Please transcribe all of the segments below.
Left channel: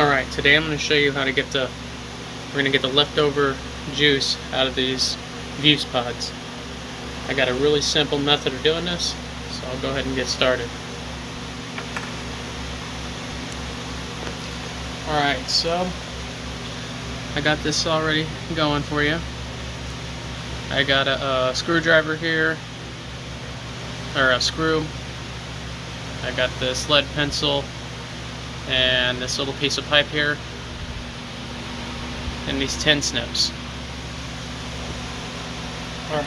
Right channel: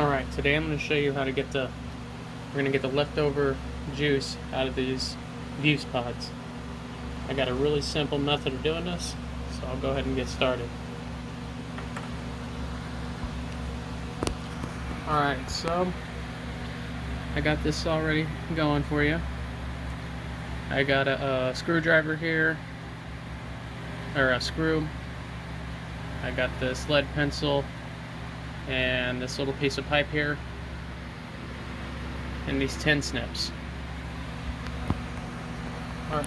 Alright, today I'm going to show you how to we're going to get the leftover juice out of these vuse pods. I got a really simple method of doing this, so I'll go ahead and get started. Alright, so I got this already going for you. I got a screwdriver here, or a screw. I got this lead pencil and this little piece of pipe here, and these tin snips. Alright.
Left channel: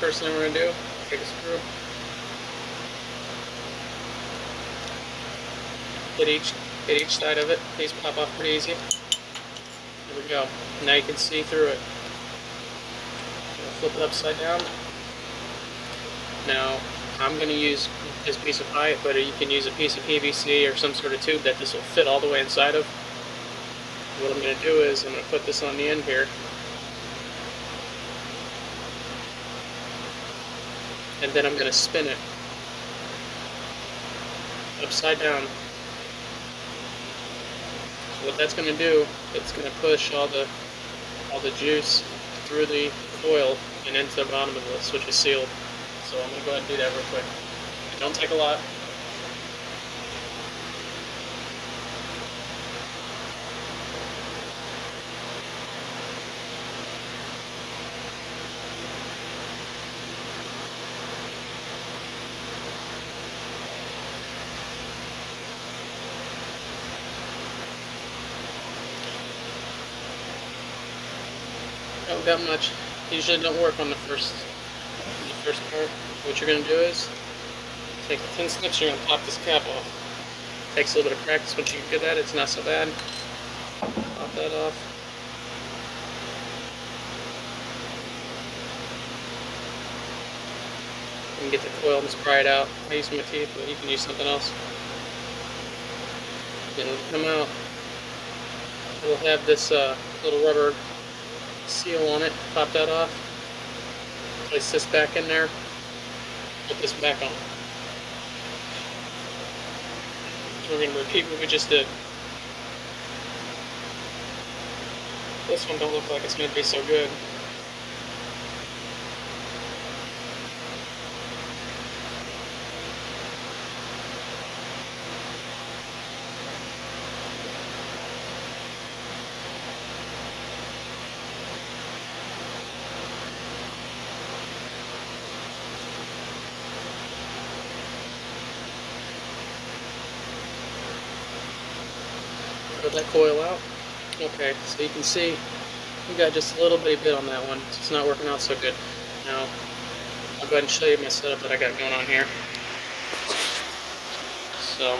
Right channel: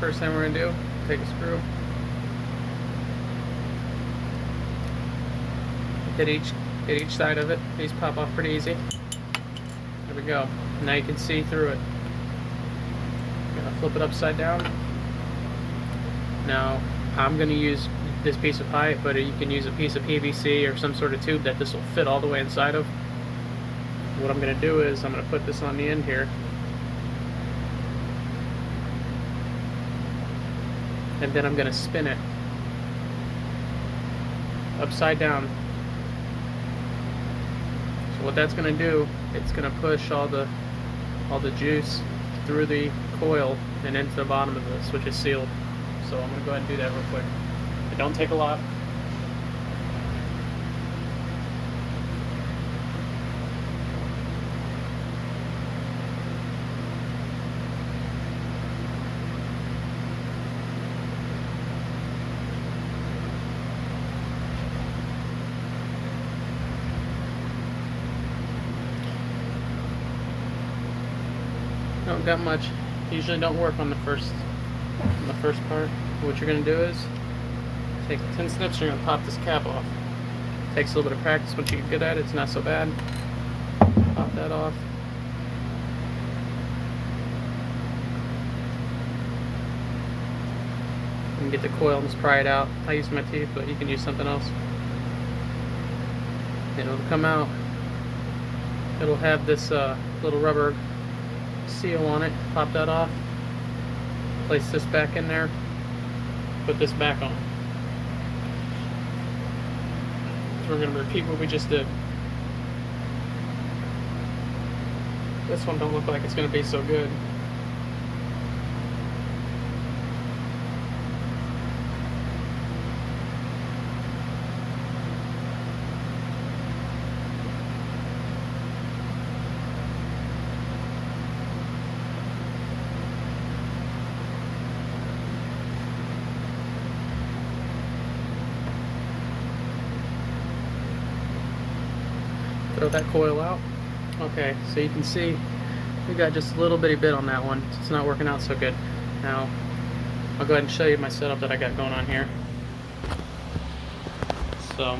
First thing we're going to do, take a screw, hit each side of it. These pop off pretty easy. There we go. Now you can see through it. Flip it upside down. Now I'm going to use this piece of pipe, but you can use a piece of PVC or some sort of tube that this will fit all the way inside of. What I'm going to do is I'm going to put this on the end here, and then I'm going to spin it upside down. So what that's going to do, it's going to push all the juice through the coil and into the bottom of this, which is sealed. So I'm going to go ahead and do that real quick. It don't take a lot. Don't got much. Usually don't work on the first part. What you're gonna do is take the tin snips. You're gonna pop this cap off. Takes a little bit of practice. Once you get good at it, it's not so bad. Pop that off. You can get the coil and just pry it out. I use my teeth, but you can use something else. Then it'll come out. It'll have this little rubber seal on it. Pop that off. Place this back in there. Put this back on. So we're going to repeat what we just did. This one don't look like it's going to be so good. Throw that coil out. Okay, so you can see we got just a little bitty bit on that one. It's not working out so good. Now I'll go ahead and show you my setup that I got going on here. So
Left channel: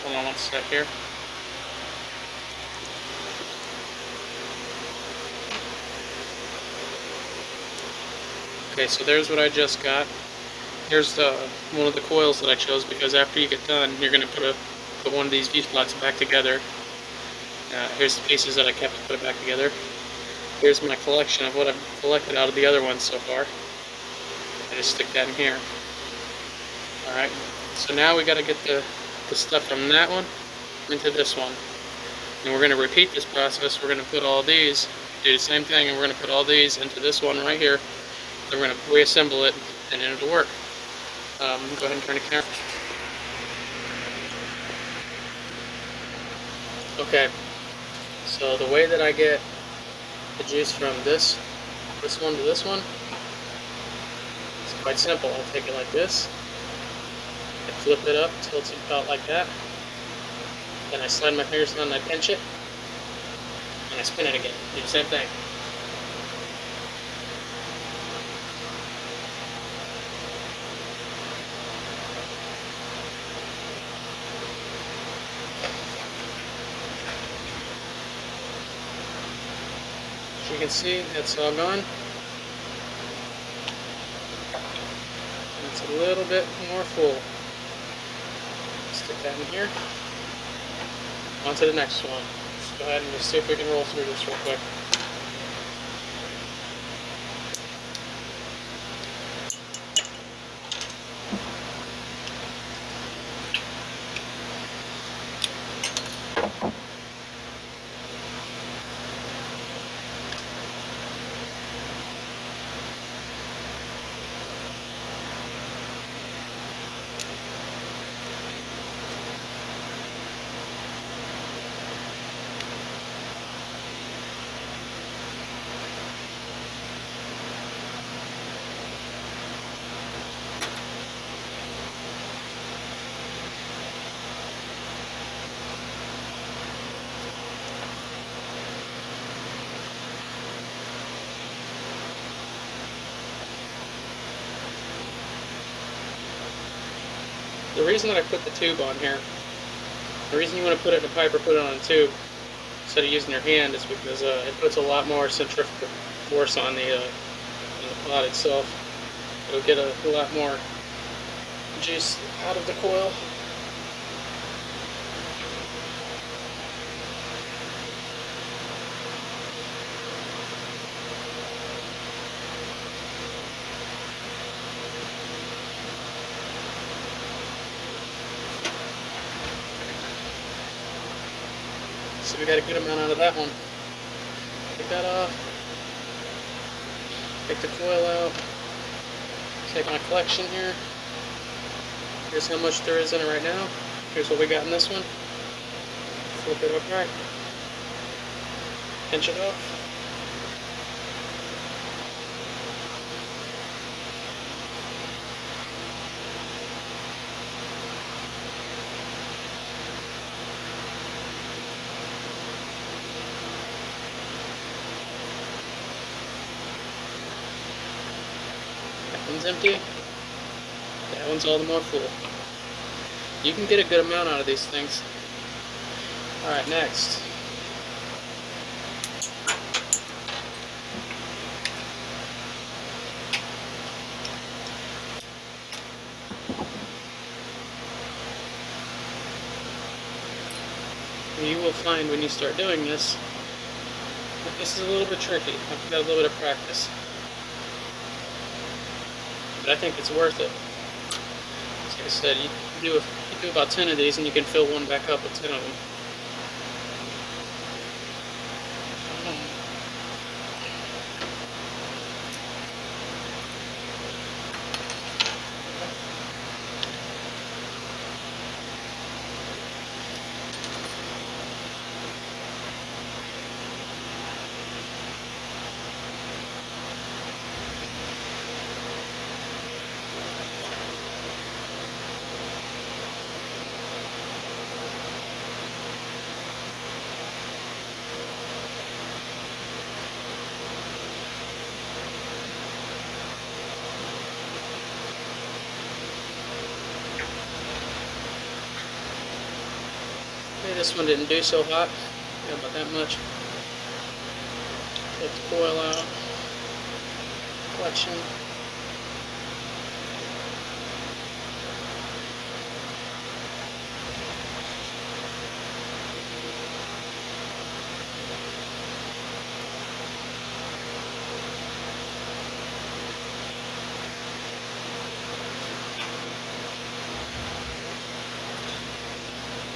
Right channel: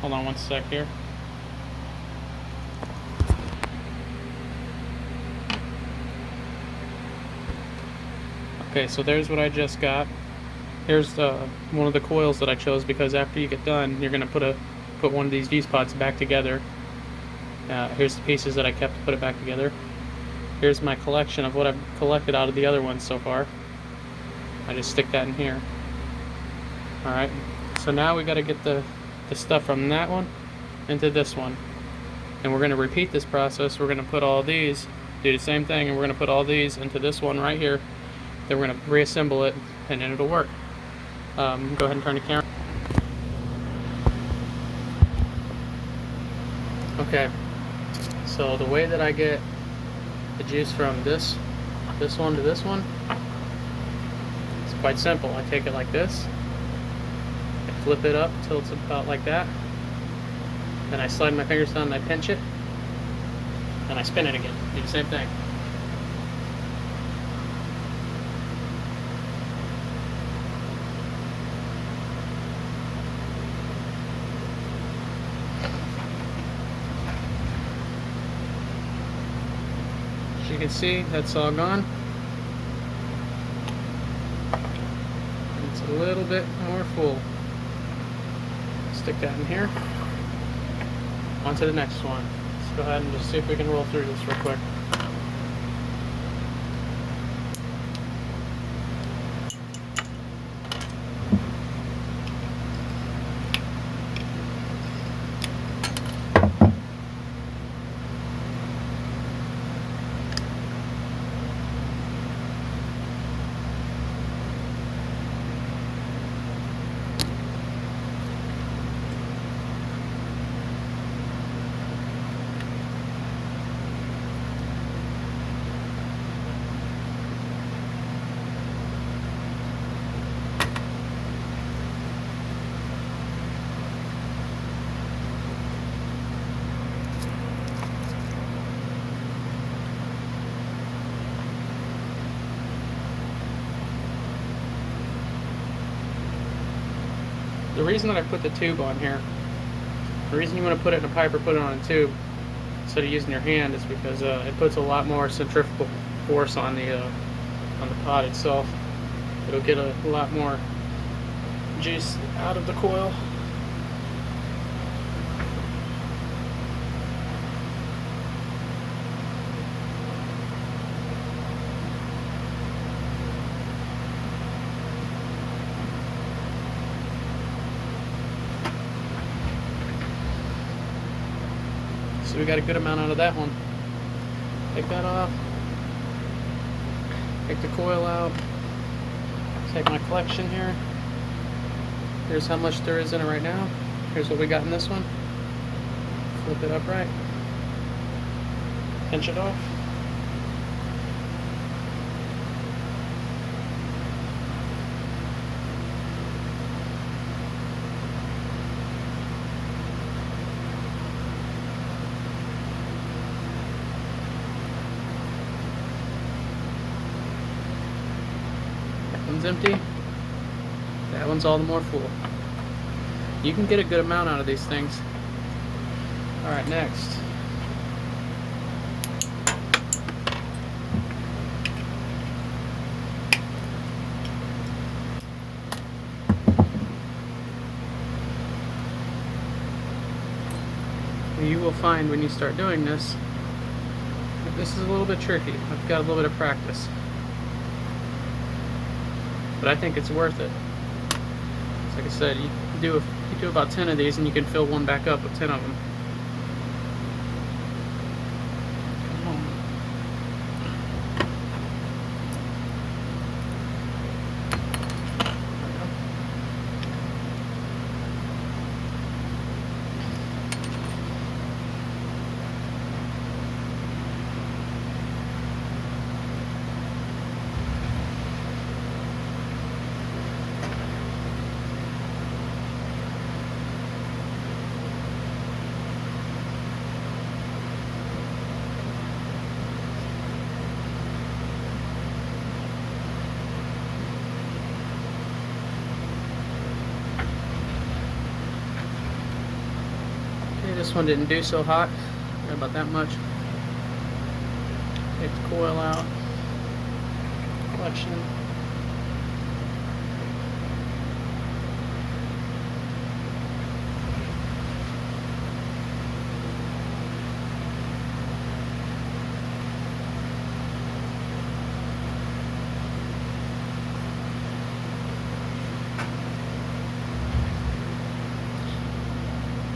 hold on one sec here. Okay, so there's what I just got. Here's one of the coils that I chose, because after you get done, you're going to put one of these vuse pods back together. Here's the pieces that I kept to put it back together. Here's my collection of what I've collected out of the other ones so far. I just stick that in here. Alright, so now we got to get the stuff from that one into this one. And we're going to repeat this process. We're going to put all these, do the same thing, and we're going to put all these into this one right here. Then we're going to reassemble it, and then it'll work. Go ahead and turn the camera. Okay, so the way that I get the juice from this one to this one, it's quite simple. I take it like this, I flip it up till it's about like that, then I slide my fingers down and I pinch it, and I spin it again. Do the same thing. can see, that's all gone. And it's a little bit more full. Stick that in here. On to the next one. Let's go ahead and just see if we can roll through this real quick. The reason that I put the tube on here, the reason you want to put it in a pipe or put it on a tube instead of using your hand is because it puts a lot more centrifugal force on the pod itself. It'll get a lot more juice out of the coil. So we got a good amount out of that one. Take that off. Take the coil out. Take my collection here. Here's how much there is in it right now. Here's what we got in this one. Flip it upright. Pinch it off. That one's empty. That one's all the more full. You can get a good amount out of these things. Alright, next. You will find when you start doing this, that this is a little bit tricky. I've got a little bit of practice. But I think it's worth it. Like I said, you do about 10 of these and you can fill one back up with 10 of them. Okay, this one didn't do so hot. Got about that much. Take the coil out. Collection.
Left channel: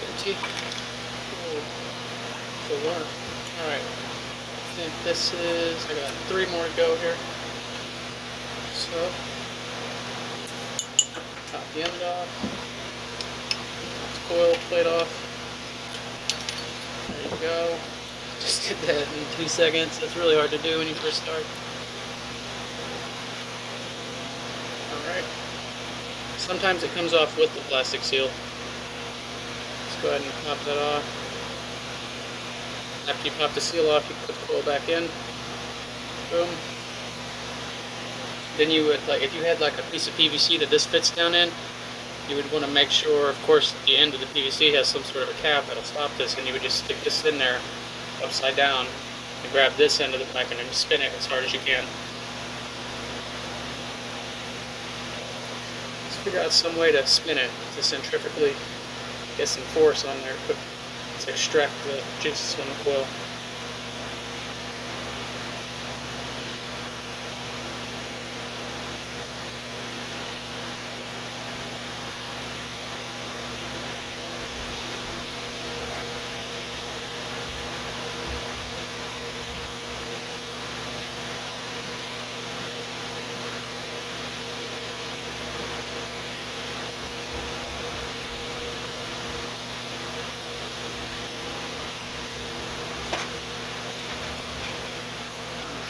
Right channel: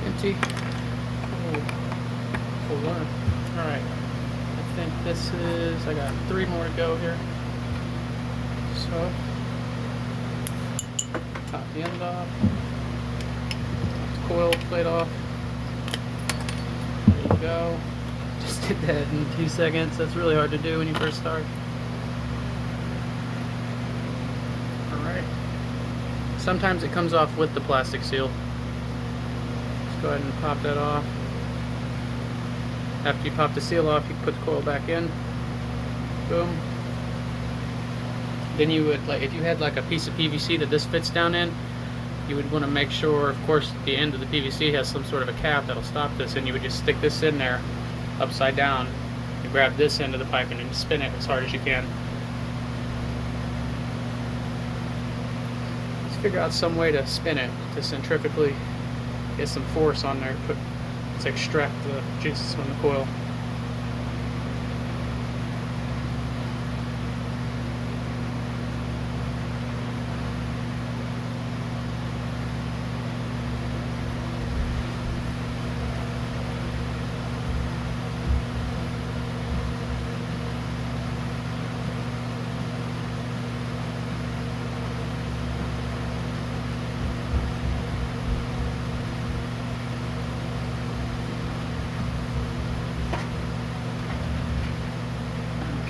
Empty. Full one. Alright. I think this is, I got 3 more to go here. So, pop the end off. Coil plate off. There you go. Just did that in 2 seconds. That's really hard to do when you first start. Alright. Sometimes it comes off with the plastic seal. Let's go ahead and pop that off. After you pop the seal off, you put the coil back in. Boom. Then you would, like, if you had like a piece of PVC that this fits down in, you would want to make sure, of course, the end of the PVC has some sort of a cap that'll stop this, and you would just stick this in there upside down. to grab this end of the piping and spin it as hard as you can. Let's figure out some way to spin it to centrifugally get some force on there to extract the juices from the coil.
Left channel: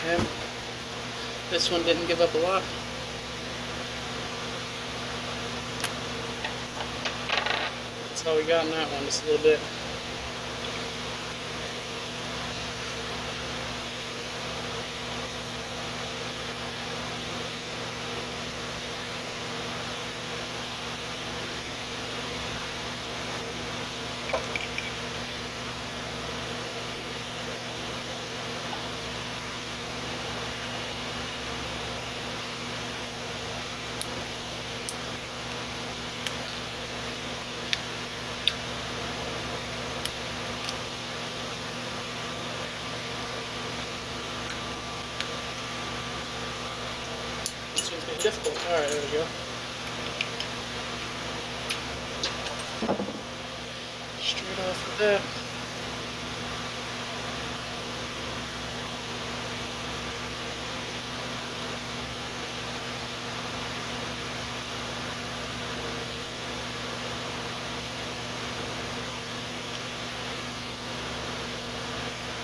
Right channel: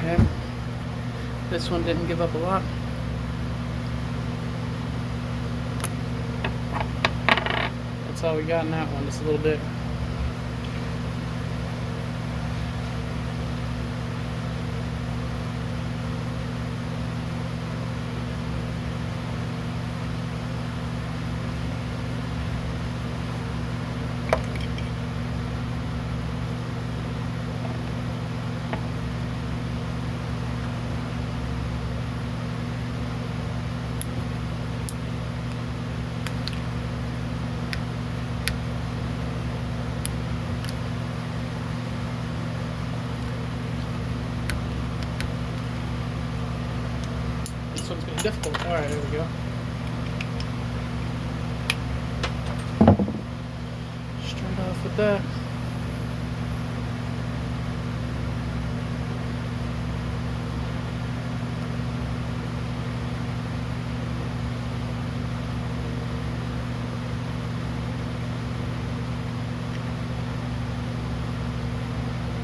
Okay. This one didn't give up a lot. That's all we got in that one, just a little bit. This one's been difficult. Alright, there we go. Straight off with that.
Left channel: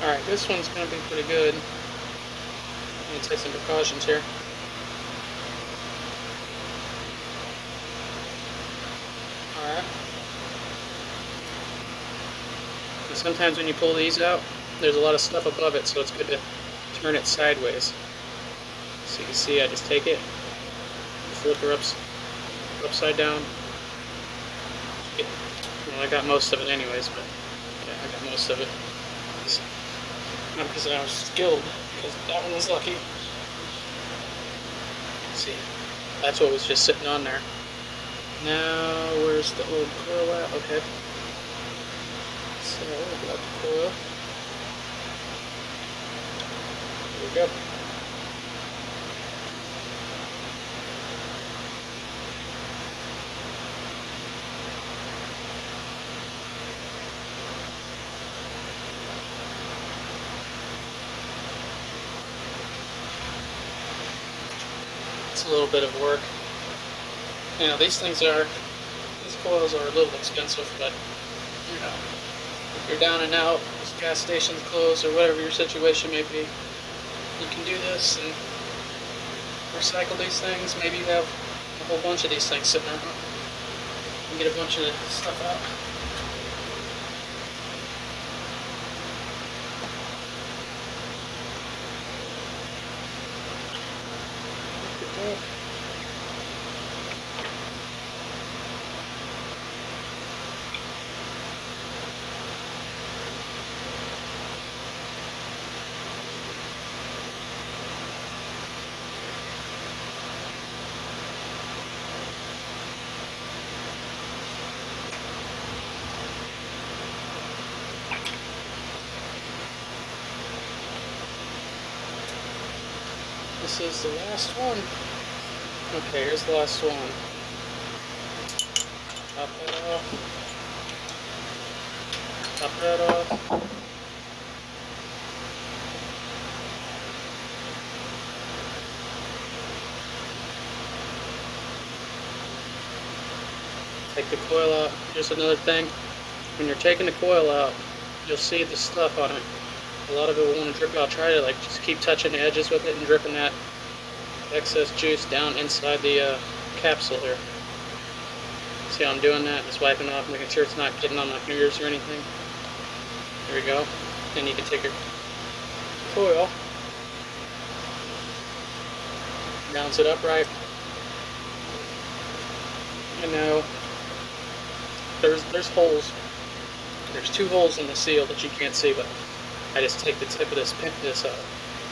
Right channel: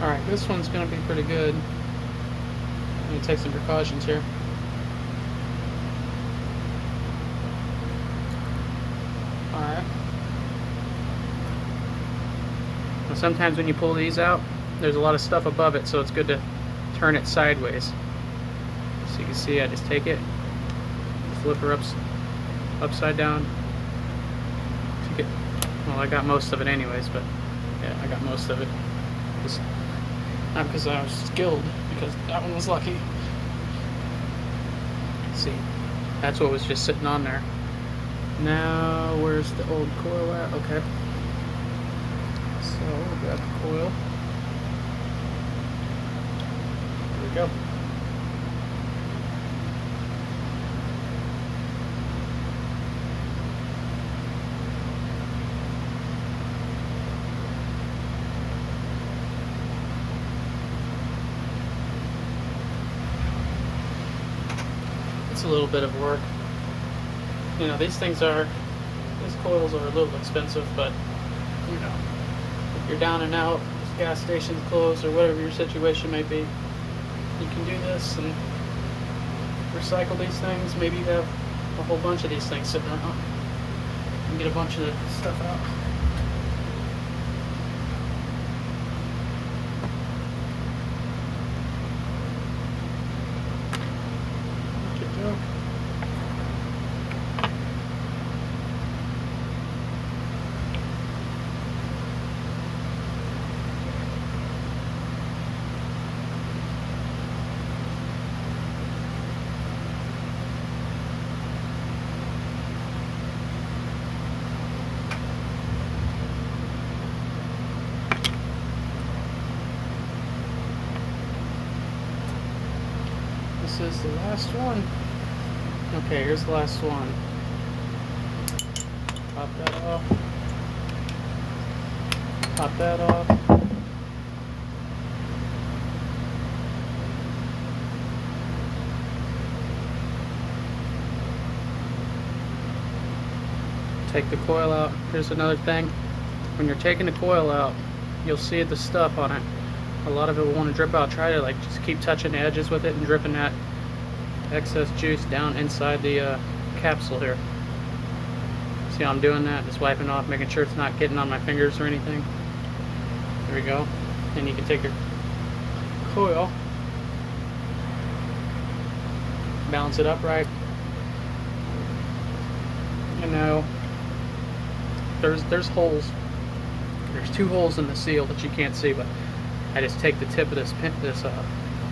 Alright, this one's going to be pretty good. I'm going to take some precautions here. Alright. Sometimes when you pull these out, there's a lot of stuff above it, so it's good to turn it sideways. So you can see I just take it, flip her upside down. Well, I got most of it anyways, but yeah, I got most of it. Not because I was skilled, because that one was lucky. See, that's what was just sitting on there. Now, where's the old coil at? Okay. So, we got the coil. There we go. It's a little bit of work. You know, these coils are a little expensive, but you know, if you're down and out, this gas station's closed, or whatever your situation may be, you can do this and recycle these things. Maybe you have a whole bunch of these things sitting around and get a bunch of stuff out. There we go. This is the last one. Okay, here's the last one. Pop that off. Pop that off. Take the coil out. Here's another thing. When you're taking the coil out, you'll see the stuff on it. A lot of it will want to drip out. Try to just keep touching the edges with it and dripping that excess juice down inside the capsule here. See how I'm doing that? Just wiping off, making sure it's not getting on my fingers or anything. There we go. Then you can take your coil, balance it upright, and now there's holes. There's two holes in the seal that you can't see, but I just take the tip of this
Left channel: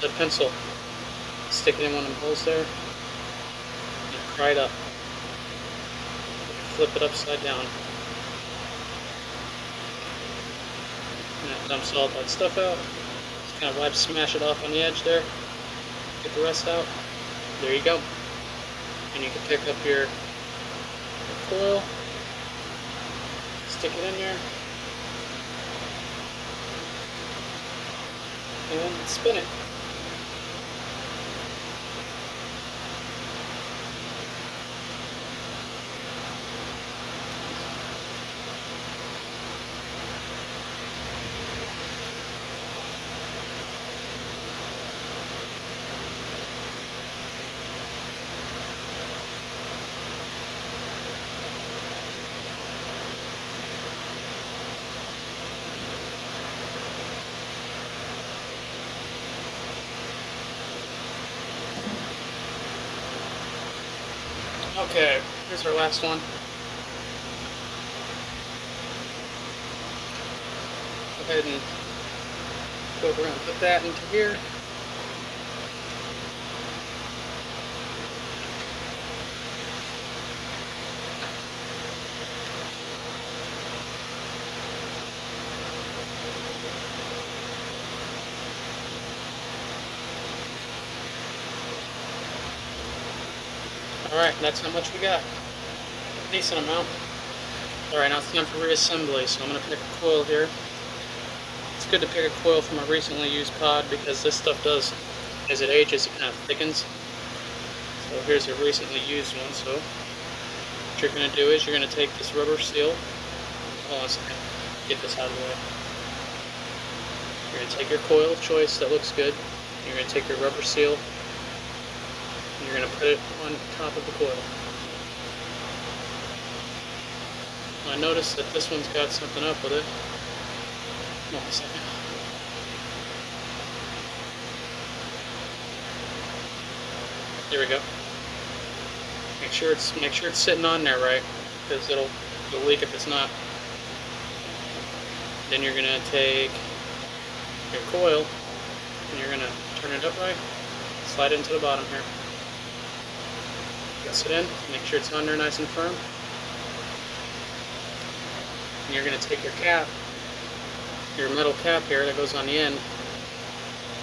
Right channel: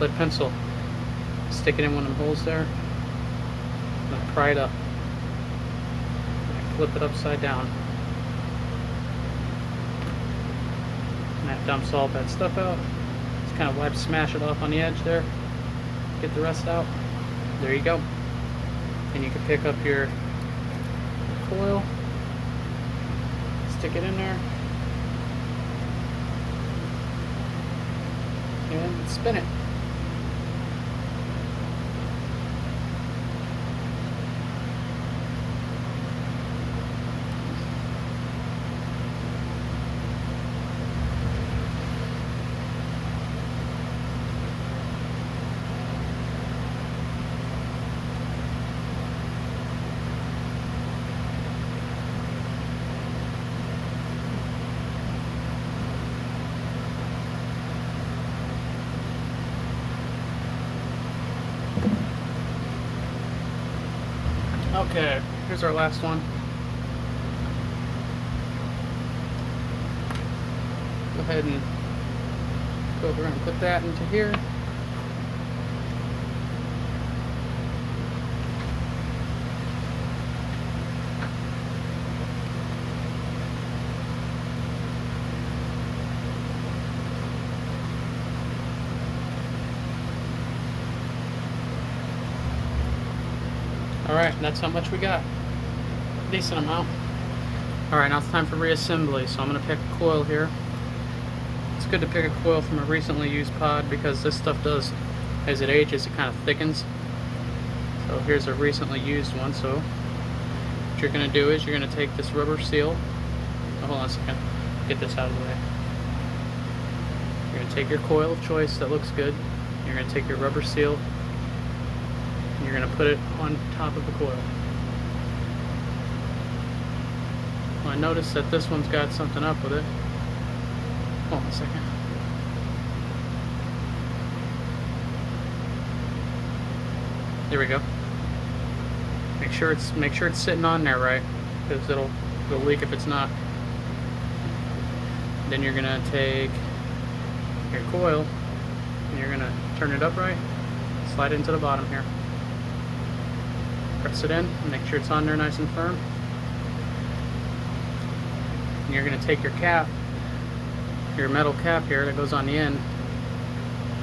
lead pencil, stick it in one of the holes there, and I pry it up. I flip it upside down. And that dumps all that stuff out. Just kind of smash it off on the edge there. Get the rest out. There you go. And you can pick up your coil, stick it in there, and spin it. Okay, here's our last one. Go ahead and we're going to put that into here. Alright, that's how much we got. Decent amount. Alright, now it's time for reassembly. So I'm going to pick a coil here. It's good to pick a coil from a recently used pod because this stuff does, as it ages, it kind of thickens. So here's a recently used one. So what you're going to do is you're going to take this rubber seal. Hold on a second. Get this out of the way. You're going to take your coil of choice that looks good. You're going to take your rubber seal. You're going to put it on top of the coil. Well, I noticed that this one's got something up with it. Hold on a second. There we go. Make sure it's sitting on there right, because it'll leak if it's not. Then you're going to take your coil and you're going to turn it upright, slide it into the bottom here. Press it in, make sure it's on there nice and firm. And you're going to take your cap, your metal cap here that goes on the end.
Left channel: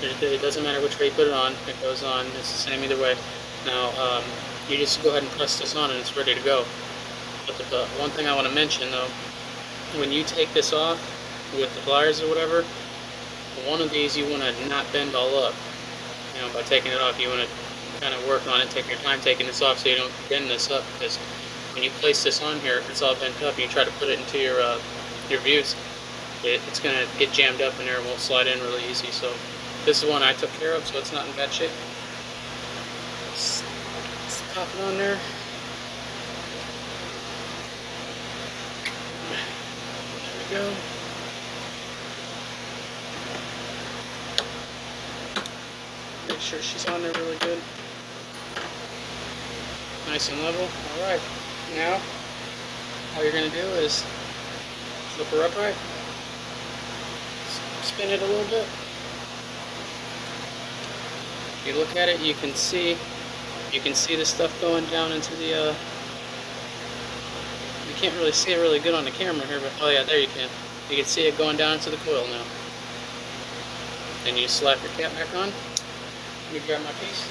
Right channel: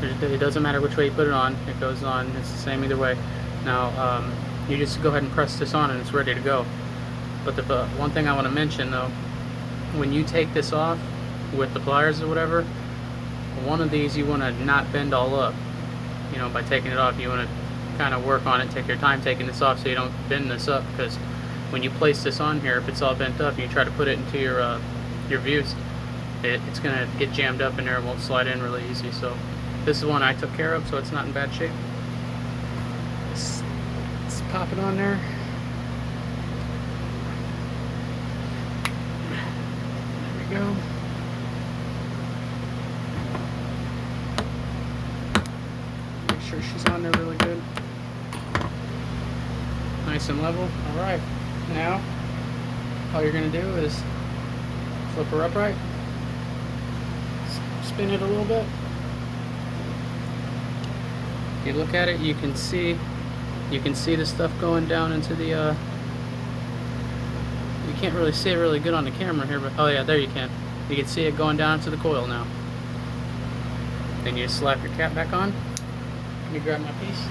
It doesn't matter which way you put it on, it goes on, it's the same either way. Now, you just go ahead and press this on and it's ready to go. But the one thing I want to mention though, when you take this off with the pliers or whatever, one of these you want to not bend all up. You know, by taking it off, you want to kind of work on it, take your time taking this off so you don't bend this up, because when you place this on here, if it's all bent up and you try to put it into your vuse, it's going to get jammed up in there and won't slide in really easy. So this is one I took care of, so it's not in bad shape. Let's pop it on there. There we go. Make sure she's on there really good. Nice and level. Alright, now all you're going to do is flip her upright, spin it a little bit. If you look at it, you can see the stuff going down into the you can't really see it really good on the camera here, but oh yeah, there you can see it going down into the coil now. Then you slap your cap back on. Let me grab my piece.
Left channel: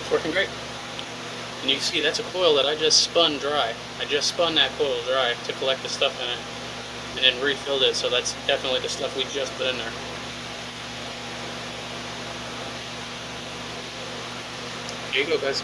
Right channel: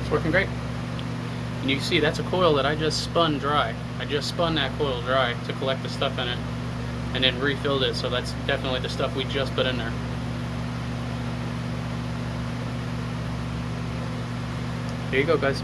It's working great. And you can see that's a coil that I just spun dry. I just spun that coil dry to collect the stuff in it and then refilled it, so that's definitely the stuff we just put in there. There you go, guys.